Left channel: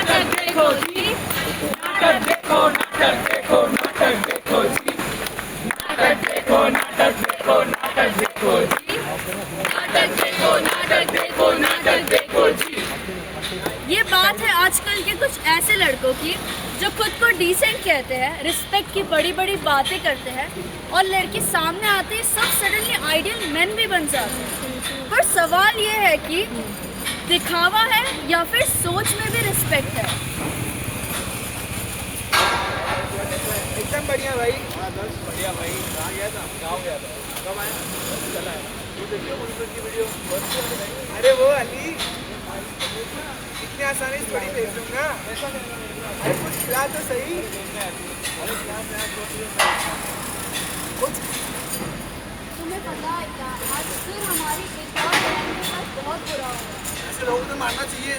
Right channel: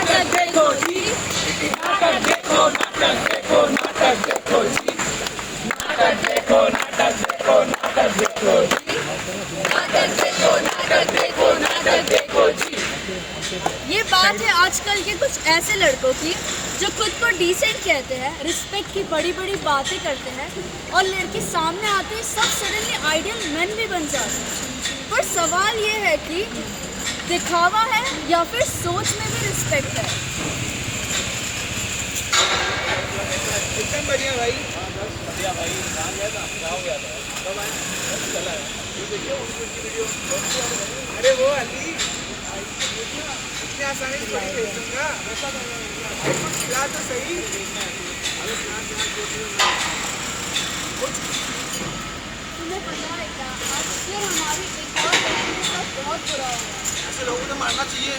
नाटक देखो जी, नाटक देखो, नाटक देखो, नाटक देखो जी, नाटक देखो, नाटक देखो, नाटक देखो जी, नाटक देखो, नाटक देखो, नाटक देखो जी। ये बात है आजकल के कुछ ऐसे लड़कों की जो खुद को डिसेंट कहते हैं, रिस्पेक्ट की बड़ी बड़ी बातें करते हैं और लड़की सामने आते ही सब सडनली आइडियल मैन भी बन जाते हैं। पर सवाल ये है कि दिखावा है या फिर सोच में भी रिस्पेक्ट है। एकदम बढ़िया भाई। बढ़िया भाई। कहाँ गया था? गाँव गया था। कब आया? बस चला है। वो देखिए उनकी वीडियो। अरे वो अली इतनी आसानी से थोड़ी भेज दूंगा। ऐसा करना है। कुछ खिला तो सही। अरे कुछ तुम्हें पता है क्या, आज फिर हमारी एक और लड़की के साथ बहुत बुरा हुआ। ऐसे लोगों को मारना चाहिए।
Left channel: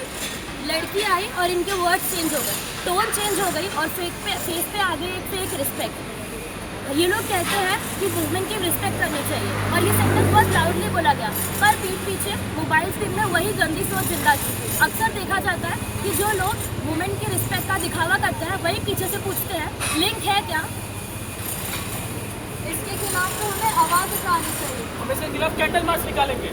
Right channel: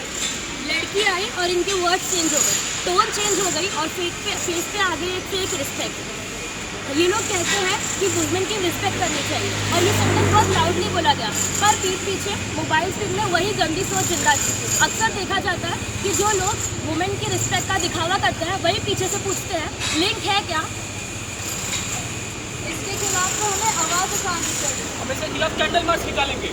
लड़की आई और इनके वर्ड चेंज हो गए, टोन चेंज हो गई और फेस पे आ गई एक फेक रिस्पेक्ट। ये लोग कहते हैं कि वुमेन की रिस्पेक्ट करनी चाहिए और ये सेंटेंस बहुत लाउडली बोला गया, पर पीठ पीछे मोबाइल स्क्रीन में वही गंदी सोच जिंदा थी। अक्सर देखा जाता है कि जो लोग वुमेन की रिस्पेक्ट का दिखावा करते हैं वही पीछे से पूछते हैं लिंक है क्या। इसके खिलाफ तो हमें आवाज़ उठानी चाहिए। हम इसके खिलाफ कैंडल मार्च निकालेंगे।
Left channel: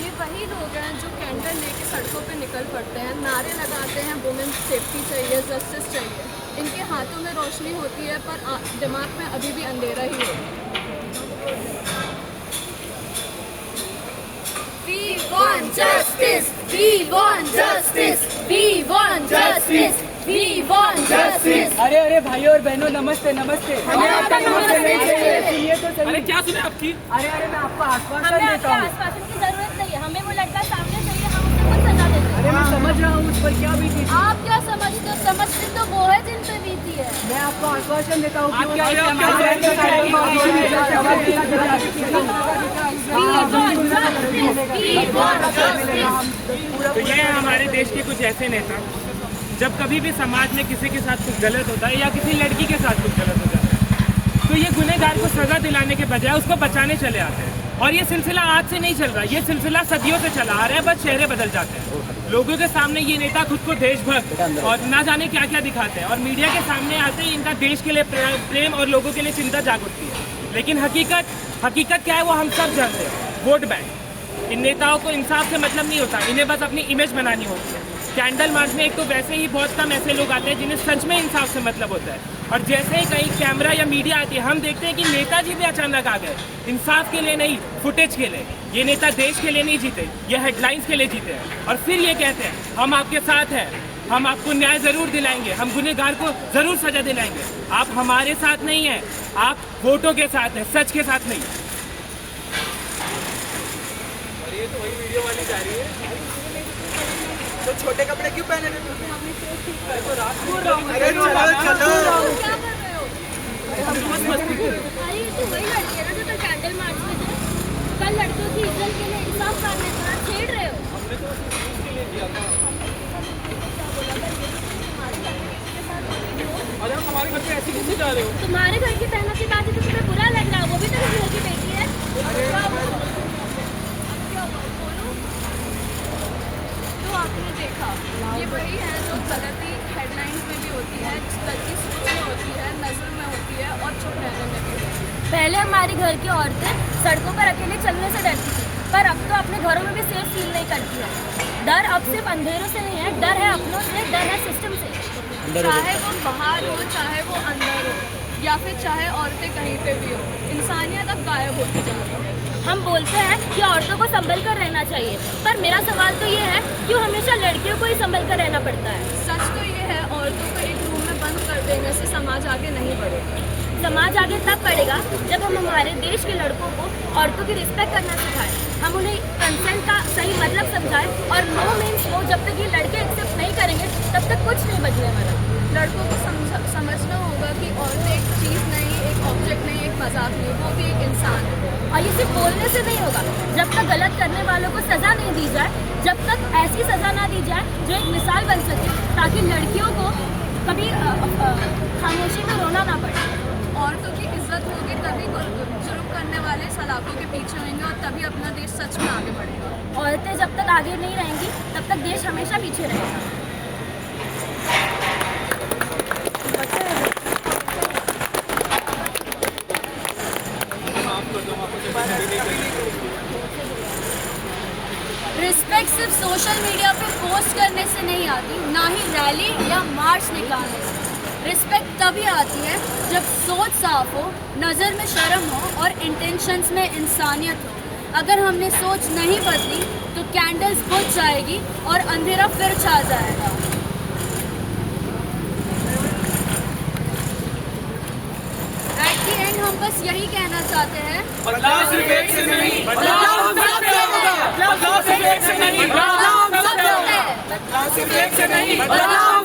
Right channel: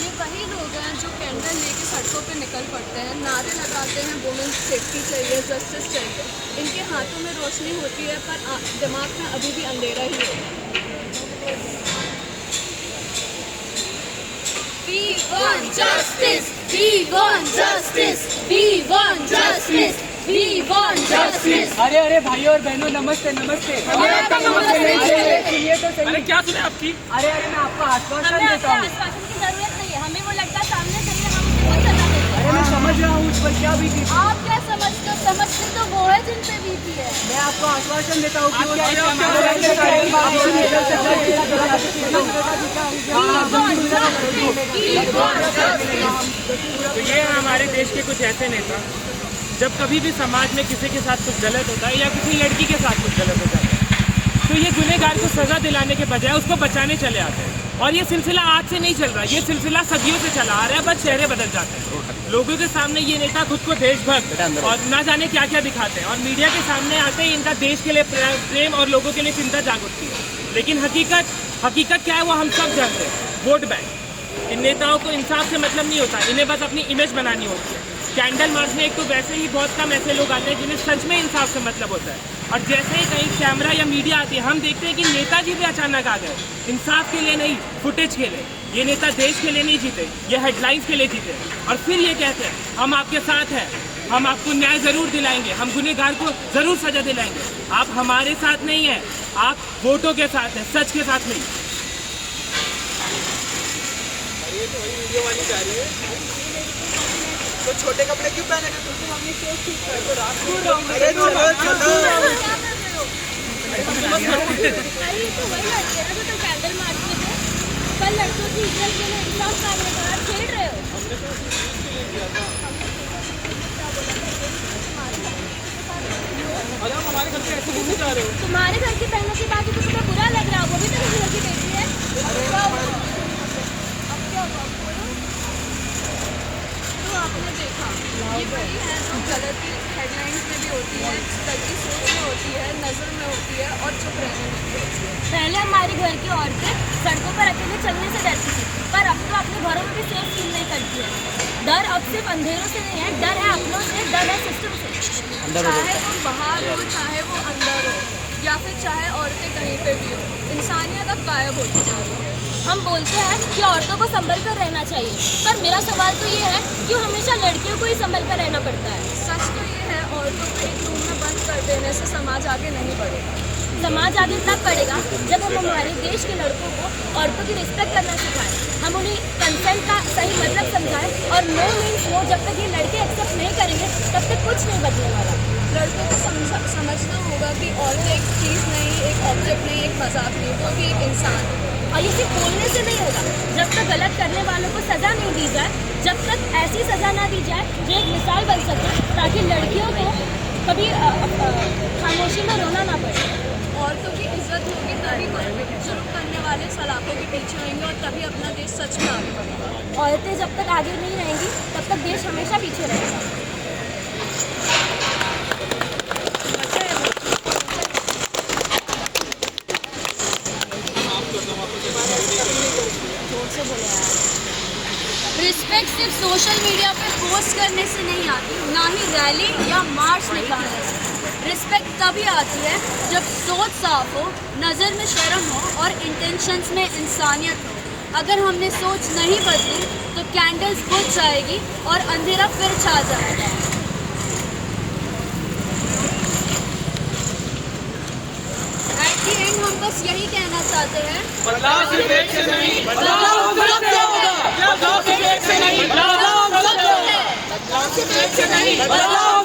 ये वही लोग हैं जो कैंडल लेके सड़कों पे निकल पड़ते हैं, नारे लगाते हैं वुमेन सेफ्टी चाहिए, जस्टिस चाहिए। इनके हाथों में रोशनी होती है पर दिमाग में अभी भी अंधेरा ही होता है। We want justice, we want justice, we want justice, we want justice। अरे अरे भाइयों और बहनों नमस्ते नमस्ते। हमें आपका नमस्ते नहीं चाहिए। सुनिए तो सही। अरे क्या सुने आपकी? अरे अरे मैं आपका आश्वासन हमें देता आपके हूँ। आश्वासन की जरूरत नहीं है, हमें वो लड़का सामने चाहिए, हम उसे कुछ सजा देते हैं। अरे मैं समझ रहा हूँ उस पर क्या हुई थी। आप क्या समझते हो? समझते तो वो है जिन पे बीती है। मैं आपको आश्वासन देता हूँ कि ये हमारे देश के कुछ ऐसे नेता, जब कभी भी समाज में किसी के साथ कुछ गलत होता है या किसी लड़की के साथ कुछ गलत होता है तो ये गुनहगार को सजा दिलाने के बजाय उसको बचाने चले आते हैं। और ये सिलसिला आज से नहीं चल रहा, ये सिलसिला सदियों से चला आ रहा है, बस चेहरे बदल जाते हैं। लोगों के सामने ये नेता खुद को देशभक्त और ना जाने क्या क्या दिखाते हैं और मीडिया के सामने आते ही इनका देश के लिए प्रेम और लोगों के लिए चिंता जाग उठती है। लेकिन हकीकत क्या है वो हम सब जानते हैं, वोट बैंक। इन नेताओं को इंसाफ से मतलब नहीं होता, इन्हें बस अपनी इमेज बनानी होती है। कैंडल मार्च में एक तो वैसे ही बहुत कम ऐसे लोग आते हैं जिन्हें सच में इंसाफ से मतलब होता है, और जैसे ही कहीं कैमरा या मीडिया आती है हम देखते हैं कि नेताजी भी अचानक आ गए। इंसाफ के लिए नहीं, फुटेज के लिए। ये नेता देश के लिए नहीं जीते, ये हेडलाइंस के लिए जीते हैं। और फिर ये कहते हैं हम आपके साथ हैं, हम आपको न्याय जरूर दिलाएंगे, हम गुनहगार को जरूर सजा दिलाएंगे। आप हमारे साथ नहीं हैं, आप वोटों के साथ हैं, सच के साथ नहीं। ये तो वही वीडियो वाली जा रही है। तो छोटे कपड़े क्यों पहने थे तुम? अपनी फेस ठीक कर। तो रात को अरे चलो चलो। अरे तो वही लड़के हैं जो कल कैंडल मार्च में थे, कल लड़कियों की इज्जत के लिए इंसाफ करने के बाद छेड़ रहे हो। अरे हम हमारे घर से ऐसे घूमने जा रहे हो। तुम्हारे घर की बहनों की बात तो तुम्हें बुरा लग रहा हो, वो भी तो घर की बेटी है। तो आपने देखा ये वही है जो गलती हेडलाइंस में भी होती है, गलती सोच में होती है, नजर में होती है और चुप रहने लगती है। पहले हमारे घर की औरतें सड़कों पर अकेले चलने से डरती थी, पर अब तो अपने घरों में भी सेफ फील नहीं करती है। डर अब सिर्फ अंधेरों से नहीं है, डर है अपनों से, डर है सिस्टम से। चाहे तुम बाहर हो, चाहे वो अंदर हो, या फिर चाहे औरतें कहीं पे भी हो, इंसानियत अब गायब होती जा रही है। हम बोलते हैं कि औरतों को संभल कर रहना चाहिए, पर मेरा सवाल तो ये है क्यों हमेशा लड़कियों को ही संभल कर रहना पड़ता है। सच तो ये है, औरतों को एक रूम में बंद कर देने से समाज आगे नहीं बढ़ेगा। समाज आगे तब बढ़ेगा जब हम हमारे देश के लड़कों को औरतों की रिस्पेक्ट करना सिखाएं, हम उन्हें कंसर्न का सही मतलब समझाएं और नो मीन्स नो। जब तक ये लड़के एक्सेप्ट नहीं करेंगे तब तक कुछ नहीं बदलने वाला। लड़कों को समझना होगा कि औरत एक चीज़ नहीं, एक ऑब्जेक्ट नहीं, एक मजाक नहीं, वो भी एक इंसान है। और ये सिर्फ बोलने से नहीं होगा, जब तक गलत करने वालों को सज़ा नहीं दी जाए, जब तक ऐसी सज़ा ना दी जाए जो एक मिसाल बन सके, ताकि लड़कियों को कभी खामोशी में रोना ना पड़े। औरतों की इज्जत होगी तभी जुर्म करने वाले सलाखों के पीछे होंगे और तभी अपना देश सच में आगे बढ़ेगा। औरतें जब तक आगे नहीं रहेंगी तब तक देश हमेशा पीछे रहेगा। रिस्पेक्ट सिर्फ सोशल मीडिया पे पोस्ट करने से नहीं आती, ना ही रैली या मार्च निकालने से। रिस्पेक्ट तभी आती है जब सोच साफ हो, नज़र में शर्म हो और इंटेंशंस में इंसानियत हो। अगर हमने सोच नहीं बदली तो कैंडल्स बुझ जाएगी और अंधेरा फिर छा जाएगा। एट द एंड हम बस यही कहना चाहते हैं, बदलाव सिर्फ एक से नहीं, बदलाव हम सबसे होगा। बदलाव सिर्फ एक से नहीं, बदलाव हम सबसे होगा। बदलाव सिर्फ एक से नहीं, बदलाव